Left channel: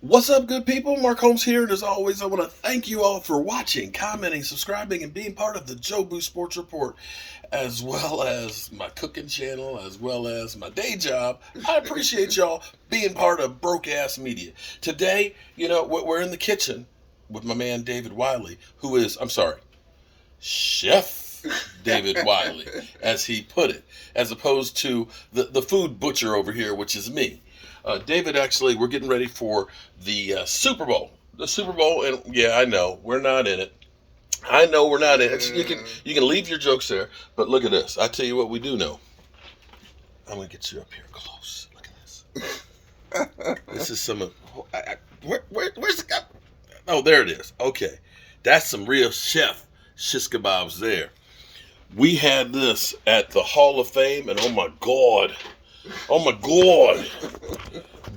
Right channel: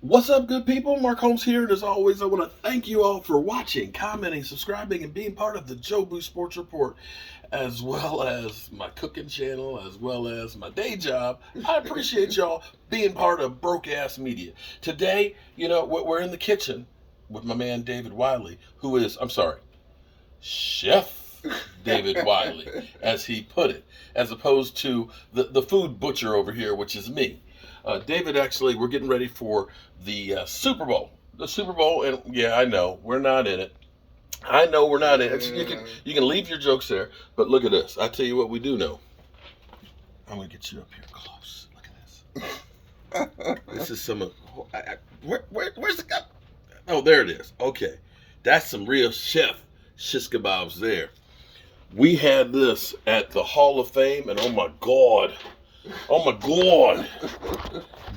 What's up, good people? Mark Holmes here, and as always, I want to thank you all for watching, commenting, subscribing, and being part of the Jobu Sports Report, as well as my cooking channel, as well as my day job. I appreciate y'all being part of Broke Ass Media. Today, we're in the kitchen with my man David Wiley, who is, Chef David Wiley, as he put it, as opposed to the food butcher over here, which is me. David, actually, we're getting ready for the Super Bowl. The Super Bowl, and yeah, I know we're not in it. I know we're not in it. You can leave your jokes there, but look at this. I tell you what, we do know. I'm gonna get you up here close. Look at this. This is some of. Where's the guy? Oh, there it is. Okay, that's some real chef shish kebabs there. We had this at the Hall of Fame, and oh my god,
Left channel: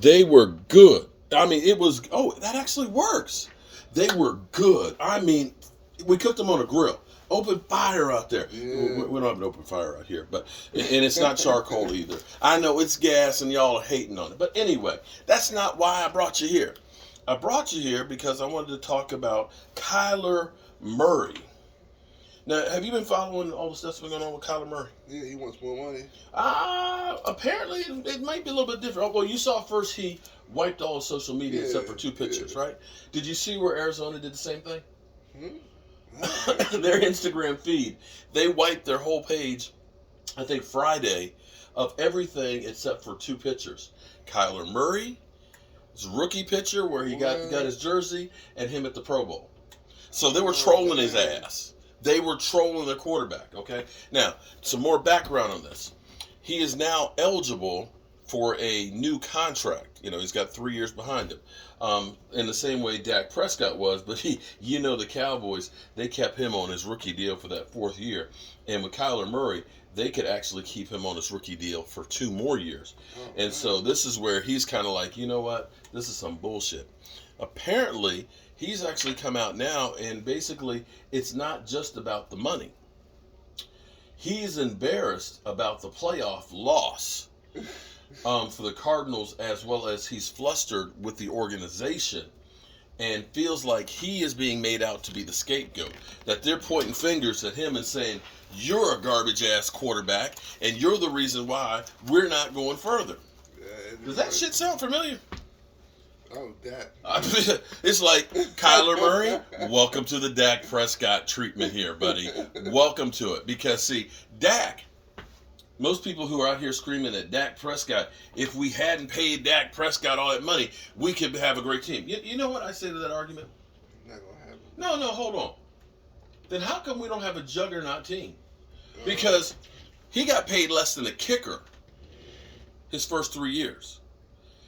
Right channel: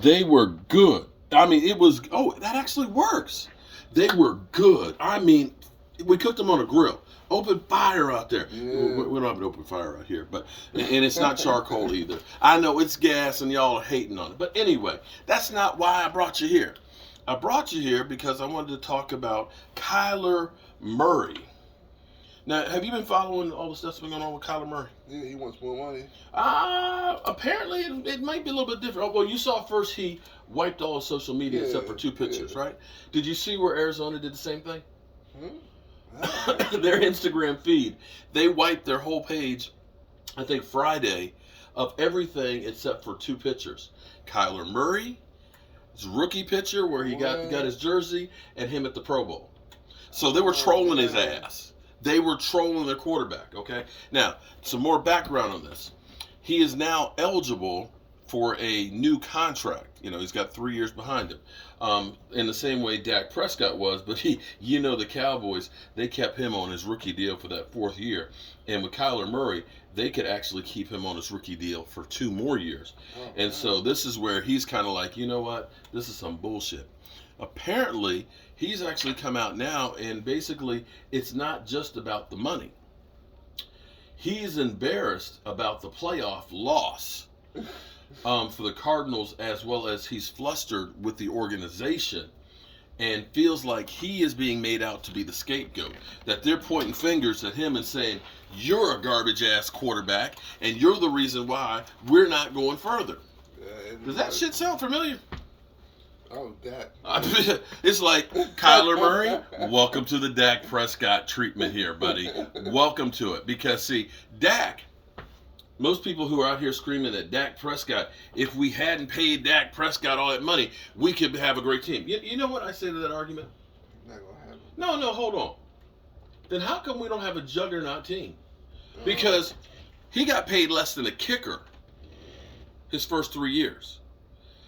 they were good. I mean, it was. Oh, that actually works. They were good. I mean, we cooked them on a grill. Open fire out there. Yeah. We don't have an open fire out here, and it's not charcoal either. I know it's gas, and y'all are hating on it. But anyway, that's not why I brought you here. I brought you here because I wanted to talk about Kyler Murray. Now, have you been following all the stuff that's been going on with Kyler Murray? Yeah, he wants more money. Apparently it might be a little bit different. Oh, well, you saw first he wiped all of social media except for two pictures, right? Did you see where Arizona did the same thing? Their Instagram feed, they wiped their whole page, I think Friday, of everything except for two pictures. Kyler Murray, his rookie picture where he got his jersey, and him at the Pro Bowl. So they were trolling his ass. They were trolling their quarterback, okay? Now, some more background on this. He is now eligible for a new contract. He's got 3 years behind him. In the same way Dak Prescott was, but the Cowboys, they kept him on his rookie deal for that 4th year. And with Kyler Murray, they could actually keep him on his rookie deal for 2 more years. And so this is where he's kind of like, you know what? This is some bullshit. Apparently, he's actually come out now, and basically, it's not just about the money. He's embarrassed about the playoff loss for the Cardinals, as well as he's flustered with the organization and feels like he is being made out to be the scapegoat. That they're pointing fingers at him and saying, you're a garbage-ass quarterback, and you're the reason why we're not going further. Does that shit sound familiar? Oh, Dak. It's like, Kyler Murray, welcome to the Dak Prescott treatment here, buddy. Welcome to it. Because, see, Dak, most people who are out here screaming at Dak Prescott, if we hadn't paid Dak Prescott all that money, we could have a great team. You know what I say to that argument? Not going to happen. No, hold on. Then how come we don't have a juggernaut team? Because he got paid less than a kicker his first 3 years.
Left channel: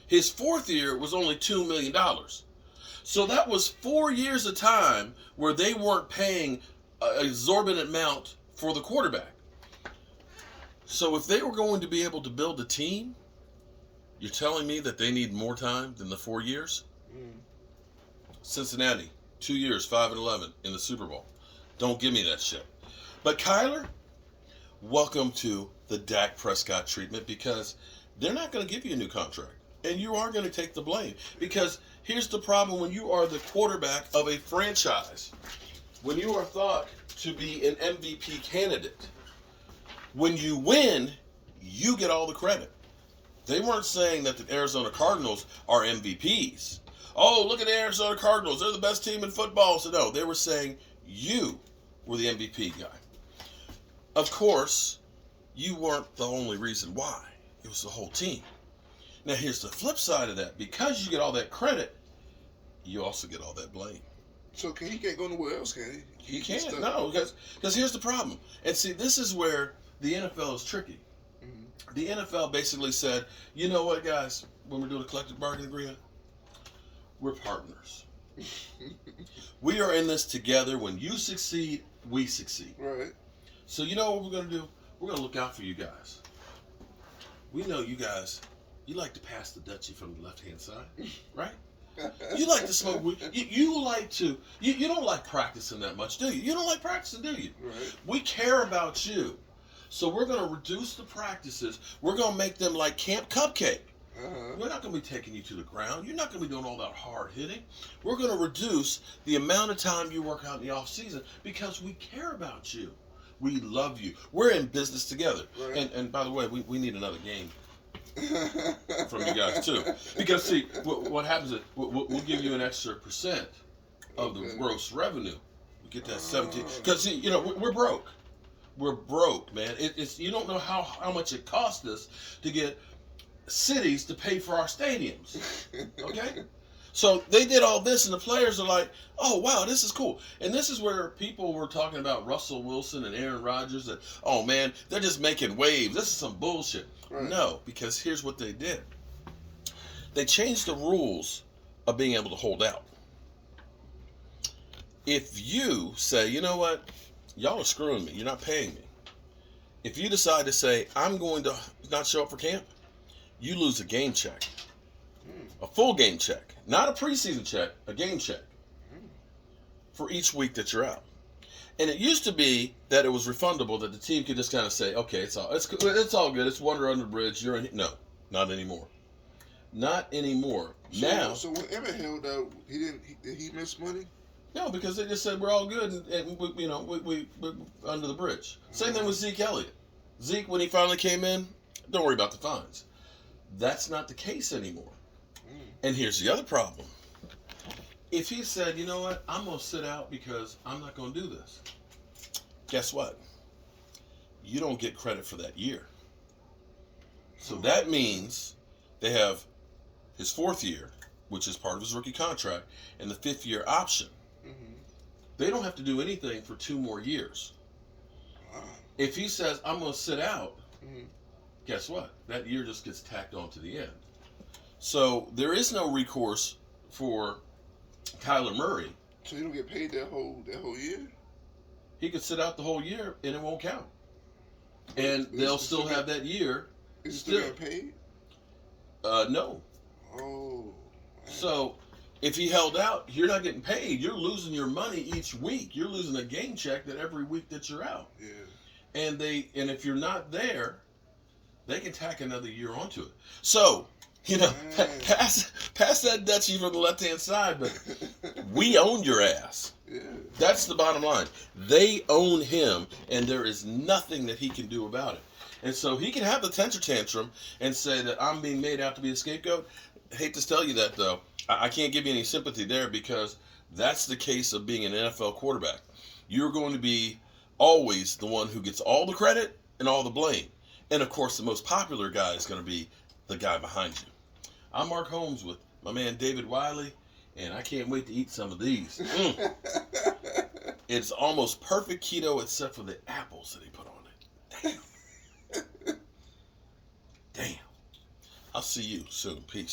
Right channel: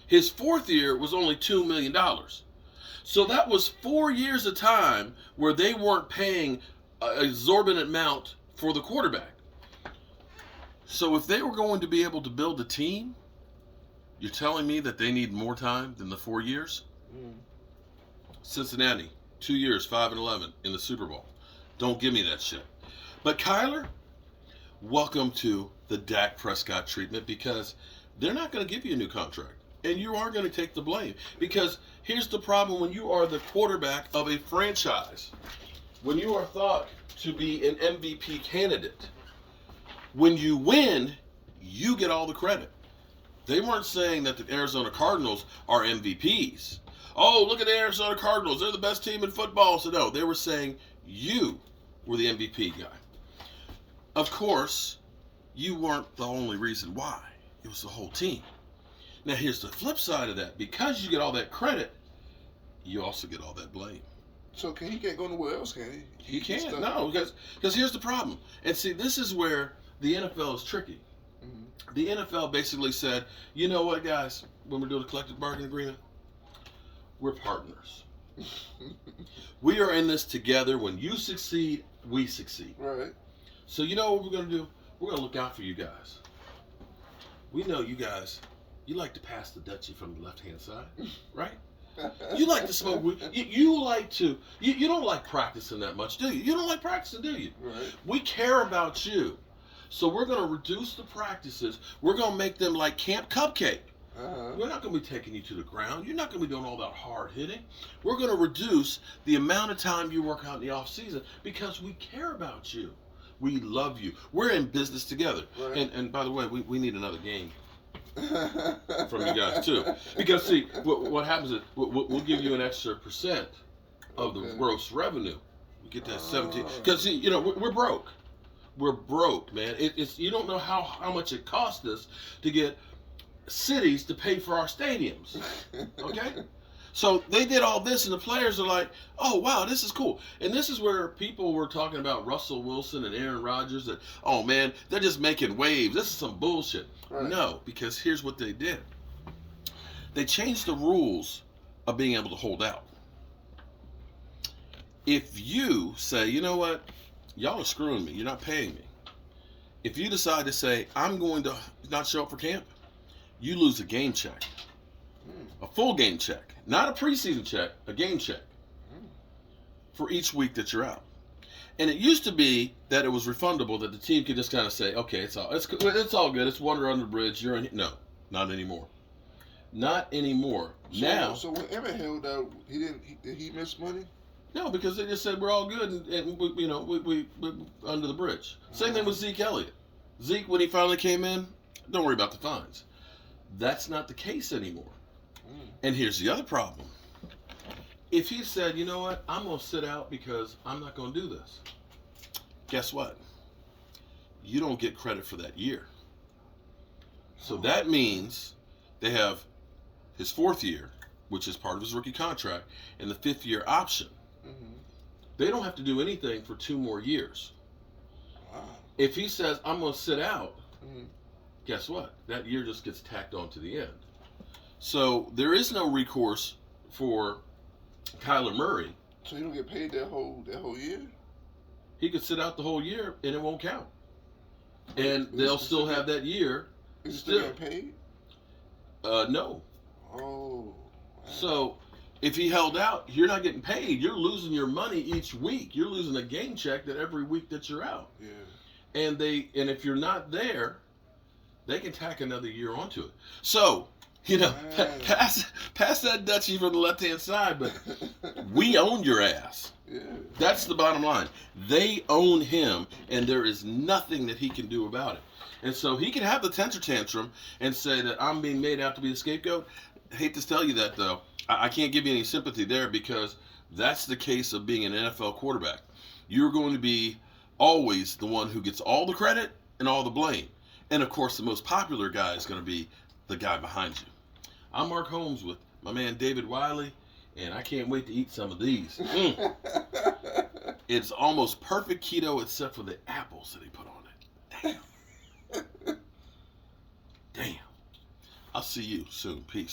His 4th year was only $2 million. So that was 4 years of time where they weren't paying an exorbitant amount for the quarterback. So if they were going to be able to build a team, you're telling me that they need more time than the 4 years? Cincinnati, 2 years, 5-11 in the Super Bowl. Don't give me that shit. But Kyler, welcome to the Dak Prescott treatment, because they're not going to give you a new contract. And you are going to take the blame. Because here's the problem when you are the quarterback of a franchise. When you are thought to be an MVP candidate. When you win, you get all the credit. They weren't saying that the Arizona Cardinals are MVPs. Oh, look at the Arizona Cardinals. They're the best team in football. So no, they were saying you were the MVP guy. Of course, you weren't the only reason why. It was the whole team. Now, here's the flip side of that. Because you get all that credit, you also get all that blame. So he can't go nowhere else, can he? He can't. No, because here's the problem. And see, this is where the NFL is tricky. The NFL basically said, you know what, guys, when we're doing a collective bargaining agreement, we're partners. We are in this together. When you succeed, we succeed. Right. So you know what we're going to do? We're going to look out for you guys. We know you guys, you like to pass the Dutchie from the left-hand side, right? You like to smoke weed. You like to, you don't like practicing that much, do you? You don't like practicing, do you? Right. We care about you. So we're going to reduce the practices. We're going to make them like Camp Cupcake. We're not going to be taking you to the ground. You're not going to be doing all that hard hitting. We're going to reduce the amount of time you work out in the off season because we care about you. We love you. We're in business together. Right. And by the way, we need another game from you guys too. Because see, what happens is we'll give you an extra % of the gross revenue. We get that 17. Because see, you know, we're broke. We're broke, man. It's you don't know how much it costs us to get cities to pay for our stadiums. Okay? So they did all this, and the players are like, oh, wow, this is cool. And this is where people were talking about Russell Wilson and Aaron Rodgers, and, oh, man, they're just making waves. This is some bullshit. Right. No, because here's what they did. They changed the rules of being able to hold out. If you say, you know what, y'all are screwing me, you're not paying me. If you decide to say, I'm going to not show up for camp, you lose a game check. A full game check. Not a preseason check, a game check. For each week that you're out. And it used to be that it was refundable, that the team could just kind of say, okay, it's all good. It's water under the bridge. You're in. No, not anymore. Not anymore. So when Emmett held out, did he miss money? No, because they just said we're all good, and we're under the bridge. Same thing with Zeke Elliott. Zeke, when he finally came in, don't worry about the fines. That's not the case anymore. And here's the other problem. If he said, you know what, I'm going to sit out because I'm not going to do this, guess what? You don't get credit for that year. So that means they have his 4th year, which is part of his rookie contract, and the 5th year option. They don't have to do anything for 2 more years. If he says, I'm going to sit out, guess what? That year just gets tacked on to the end. So there is no recourse for Kyler Murray. So you don't get paid that whole year? He could sit out the whole year and it won't count. And they'll still have that year. Is he still getting paid? No. Oh. Man. So if he held out, you're not getting paid. You're losing your money each week. You're losing a game check that every week that you're out. Yeah. And if you're not there, they can tack another year onto it. So, you know, pass that Dutchie from the left-hand side, but we own your ass. Yeah. That's the bottom line. They own him, and there is nothing that he can do about it. And so he can have the temper tantrum and say that I'm being made out to be a scapegoat. I hate to tell you that, though. I can't give you any sympathy there because that's the case of being an NFL quarterback. You're going to be always the one who gets all the credit and all the blame. And, of course, the most popular guy is going to be the guy behind you. I'm Mark Holmes with my man David Wiley, and I can't wait to eat some of these. It's almost perfect keto except for the apples that he put on it. Damn. Damn. I'll see you soon. Peace.